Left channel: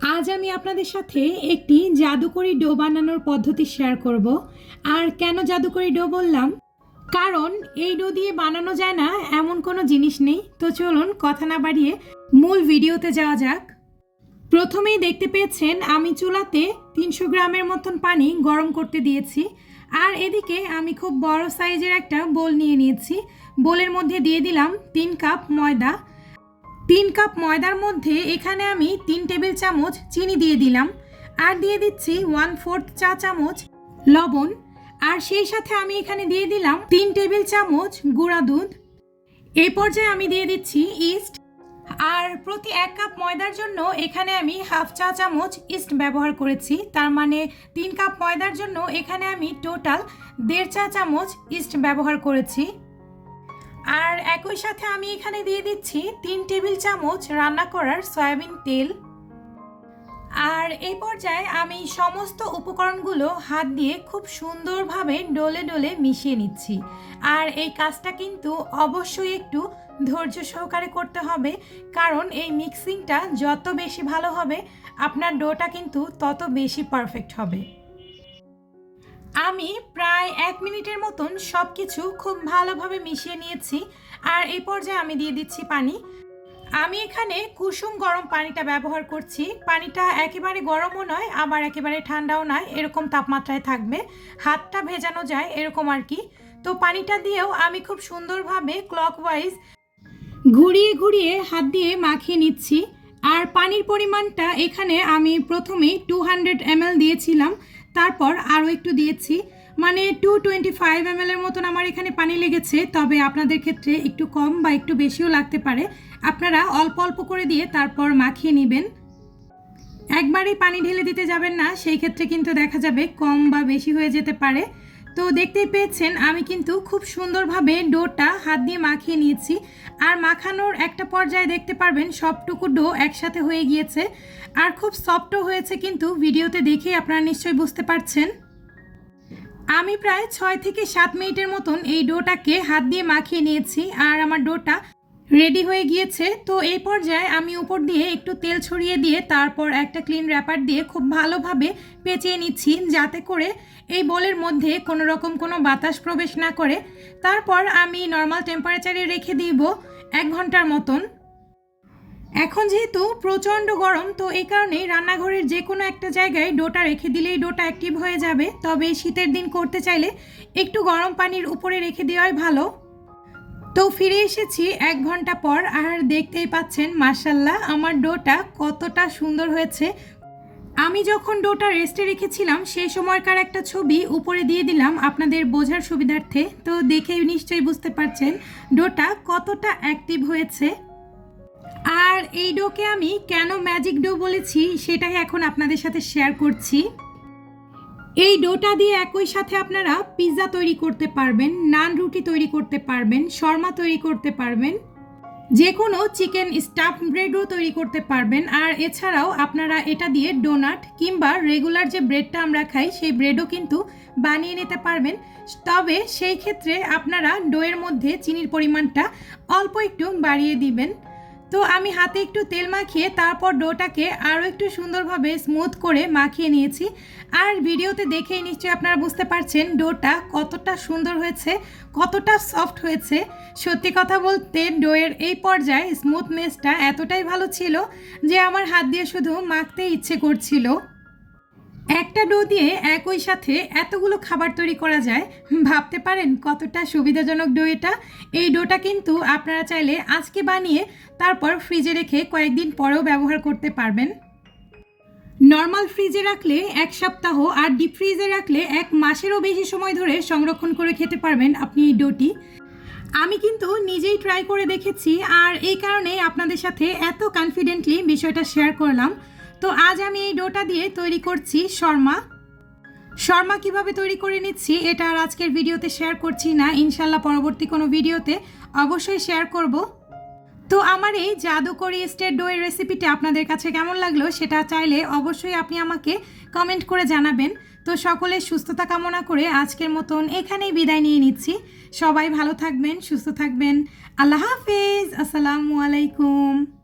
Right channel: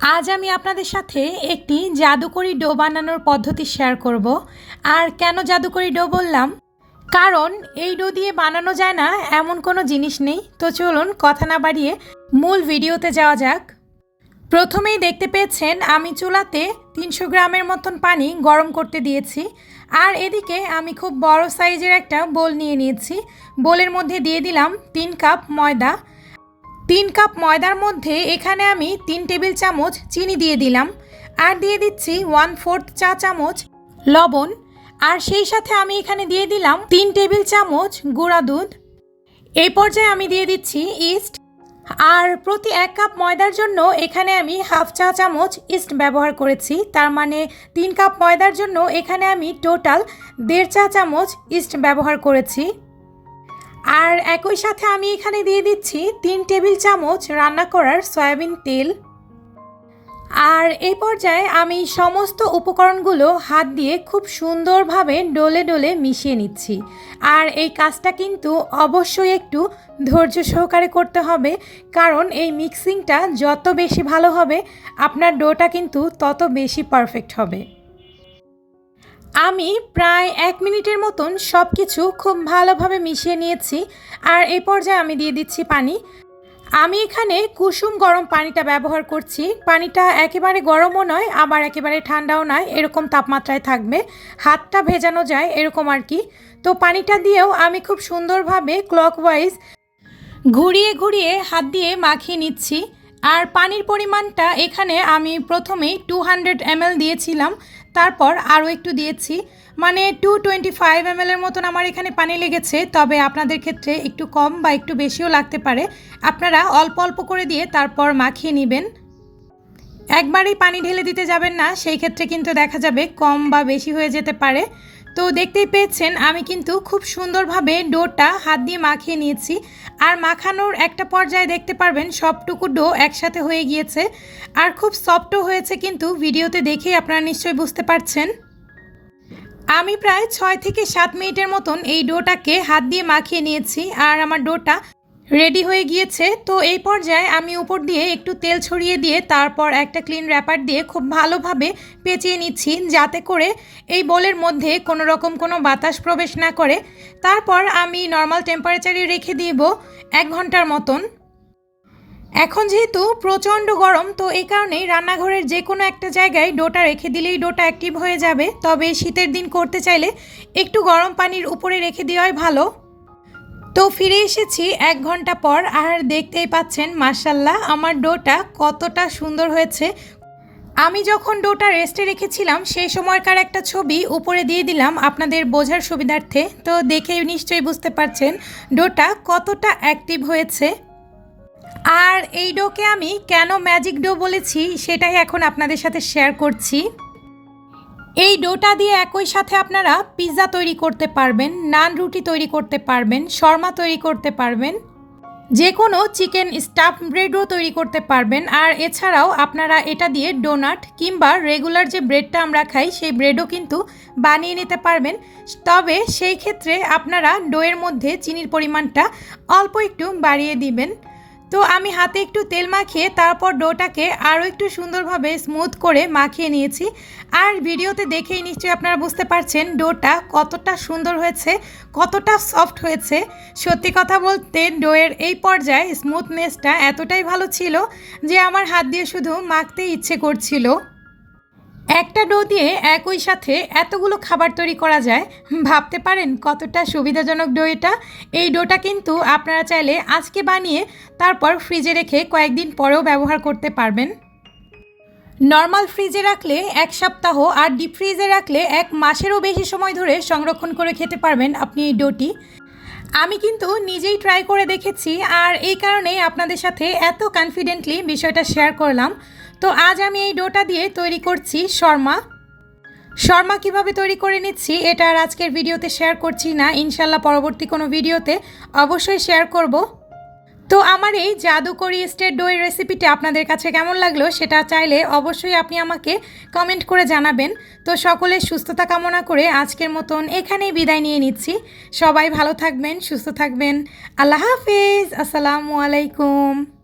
আজ আমি আপনাদের সাথে একটি জাদুকরি ডো বানানোর পদ্ধতি শেয়ার করব। আর কেন জাদুকরি ডো বললাম? কারণ এই ডো দিয়ে বানানো যায় না, এমন কোনো জিনিস নেই। তো চলুন কথা না বাড়িয়ে মূল ভিডিওতে যাওয়া যাক। প্রথমেই দেখতে পেয়েছেন, আমি চুলাতে তিনশো গ্রামের মতন পানি গরম করতে দিয়েছি। আর এদিকে আমি খুব বড় সাইজের একটা বোল নিয়ে নিয়েছি। বোলের মধ্যে দিয়ে দিলাম তিন কাপ ময়দা। তিন কাপ ময়দার মধ্যে এখানে আমি তিন টেবিল চামচ চিনি দিয়ে দিলাম। আর দিয়ে দিচ্ছি ওয়ান ফোর্থ চা চামচ লবণ। আর সেই সাথে আমি এখানে দিয়ে দিলাম তিন টেবিল চামচ গুঁড়া দুধ। এই পর্যায়ে আমি দিয়ে দিচ্ছি ইস্ট আর প্রতি এক কাপ ময়দার জন্য এখানে আমি হাফ চা চামচ ইস্ট ব্যবহার করেছি। তার মানে তিন কাপ ময়দার জন্য এখানে আমি টোটাল দেড় চা চামচ ইস্ট ব্যবহার করেছি। আর একই সাথে আমি এখানে দিয়ে দিচ্ছি তিন টেবিল চামচ রান্না করার সয়াবিন তেল। আর এই পর্যায়ে আমি সমস্ত উপকরণগুলো হাত দিয়ে খুব সুন্দরভাবে ডলে ডলে মিশিয়ে নিচ্ছি। আর এই কাজটা কিন্তু অবশ্যই একটু ধৈর্য সহকারে করতে হবে, কারণ এই মিক্সিংটা যত বেশি ভালো হবে, আপনার ডোটা কিন্তু তত বেশি পারফেক্ট হবে। আমি প্রায় এক মিনিটের মতন সব কিছু খুব ভালোভাবে মিশিয়ে নিয়েছি আর এই পর্যায়ে আমি দিয়ে দিচ্ছি পানি। আমি এখানে কুসুম গরম পানিটা ব্যবহার করছি। পানিটা একেবারে গরমও নয়, আবার একেবারে ঠান্ডাও নয়, এরকম তাপমাত্রায় থাকবে। হাতটা ভেজানো যায়, এরকম আর কি। তো পানিটা দিয়েও আমি খুব সুন্দরভাবে ক্লকওয়াইজ ঘুরিয়ে ঘুরিয়ে হাত দিয়ে মাখিয়ে নিচ্ছি। আর পানির পরিমাণটা এখানে আমি প্রথমেই টু হান্ড্রেড এমএল দিয়েছিলাম। তারপর আরও একটু দিয়েছি। মানে টু টোয়েন্টি ফাইভ এম এমএলের মতন আমার এখানে পানি লেগেছে, তবে আপনাদের ক্ষেত্রে একটু কম বা একটু বেশিও লাগতে পারে। আপনারা অল্প অল্প করে দিয়ে তারপর মাখিয়ে নেবেন। একবারেই পানি ঢেলে দিতে যাবেন না, সেই ক্ষেত্রে কিন্তু দেখা যাবে কম বা বেশি হয়ে যেতে পারে। তো দেখতেই পেয়েছেন, আমি কিন্তু খুব সুন্দরভাবে ডোটা হাত দিয়ে মাখিয়ে নিয়েছি। আর মাখানোর একটা পর্যায়ে দেখতে পারবেন, সবটুকু ডো একসাথে হয়ে গিয়েছে। আর খুব সফটও হয়েছে কিন্তু, ভিডিওতে দেখেই আপনারা নিশ্চয়ই বুঝতে পারছেন। আমি প্রায় ছয় থেকে সাত মিনিটের মতন এই ডোটাকে হাত দিয়ে মাখিয়ে নিয়েছি। আর আমার ডোটা রেডি হয়ে গিয়েছে। তো এই পর্যায়ে আমি উপর দিয়ে একটু তেল ছড়িয়ে দিয়ে তারপর একটা ক্লিন র্যাপার দিয়ে খুব ভালোভাবে পেঁচিয়ে নিচ্ছি যাতে করে এই বোলের মধ্যে কোনো রকম কোনো বাতাস প্রবেশ না করে। তারপর আমি নর্মাল টেম্পারেচারে রেখে দিব এক ঘণ্টার মতন। এখন যেহেতু প্রচণ্ড গরম, তো এই কারণেই রান্নাঘরের যে কোনো একটা জায়গায় ডোটা রেখে দিলেই ডোটা অ্যাক্টিভ হয়ে যাবে। তবে শীতের দিন করতে চাইলে একটু গরম পানির উপরে রেখে দেওয়াই ভালো। তো ফিরে এসেছি এক ঘণ্টা পর আর দেখতেই পাচ্ছেন মার্শাল্লাহ আমার ডোটা কতটা সুন্দর হয়েছে। আমি যখন ডোটা রেস্টে রেখেছিলাম, সেই সময়কার একটা ছবি উপরে দিয়ে দিলাম আপনাদের বোঝার সুবিধার্থে। তো দেখে নিশ্চয়ই বুঝতে পারছেন ডোটা কতটা অ্যাক্টিভ হয়েছে। আর এই ডোকে আমি কেন ম্যাজিক ডো বলেছি, সেটাই এখন আপনাদের সাথে শেয়ার করছি। এই ডোটা দিয়ে একই সাথে আপনারা পিৎজা তৈরি করতে পারবেন, নান রুটি তৈরি করতে পারবেন, শর্মা তৈরি করতে পারবেন যে কোনো চিকেন স্টাফ ব্রেডও তৈরি করতে পারবেন। আর এছাড়াও আপনারা এটা দিয়ে ডোনাট কিংবা রেগুলার যে ব্রেডটা আমরা খাই, সেই ব্রেডও কিন্তু বানিয়ে নিতে পারবেন। তবে সেই ক্ষেত্রে আপনারা ডোয়ের মধ্যে চিনির পরিমাণটা অল্প একটু বাড়িয়ে দিবেন। তো আমি হাতে একটু তেল মাখিয়ে তারপর ডোটাকে আরও একটু সুন্দরভাবে স্মুথ করে মাখিয়ে নিয়েছি। আর ভিডিওতে দেখেই নিশ্চয়ই আপনারা বুঝতে পারছেন ডোটা কতটা সুন্দর হয়েছে, কতটা সফট হয়েছে। সত্যি কথা বলতে ডোয়ের এই পর্যায়ে স্মুথনেসটা এতটাই ভালো ছিল যে আমার হাত দিয়ে শুধু মাখতে ইচ্ছে করছিল। একটা ডো দিয়ে একই সাথে এতগুলো খাবার তৈরি করা যায়। ভাবতে পারেন কতটা সুবিধাজনক ডো এটা। এই ডোটা কিন্তু আপনারা চাইলে আজকে বানিয়ে তারপর ফ্রিজে রেখে কয়েকদিন পরেও ব্যবহার করতে পারবেন। নর্মাল ফ্রিজে রাখলে এক সপ্তাহ আর ডিপ ফ্রিজে রাখলে এক মাসেরও বেশি সময় ধরে সংরক্ষণ করে খেতে পারবেন আপনি এই ডোটি। আমি কিন্তু নিজেই ট্রাই করে দেখেছি আর এই কারণেই আপনাদের সাথে এত কনফিডেন্টলি বিষয়টা শেয়ার করলাম। তো আজ আমি এই ডোটা দিয়ে তৈরি করছি শর্মা। শর্মা কীভাবে তৈরি করে নিচ্ছি এটা আর আজকের ভিডিওতে শেয়ার করছি না। ইনশাল্লাহ পরবর্তী কোনো ভিডিওতে অবশ্যই শেয়ার করব। তো আমার এই জাদুকরি স্টেট দইয়ের রেসিপিটা আপনাদের কাছে কেমন লাগল সেটা চাইলে অবশ্যই আপনি আমাকে কমেন্ট করে জানাবেন। তো সকলের সুস্থতা কামনা করে আজকের মতন এখানেই বিদায় নিয়ে নিচ্ছি। সবাই ভালো থাকবেন, সুস্থ থাকবেন। আল্লাহ হাফেজ, আসসালামু আলাইকুম।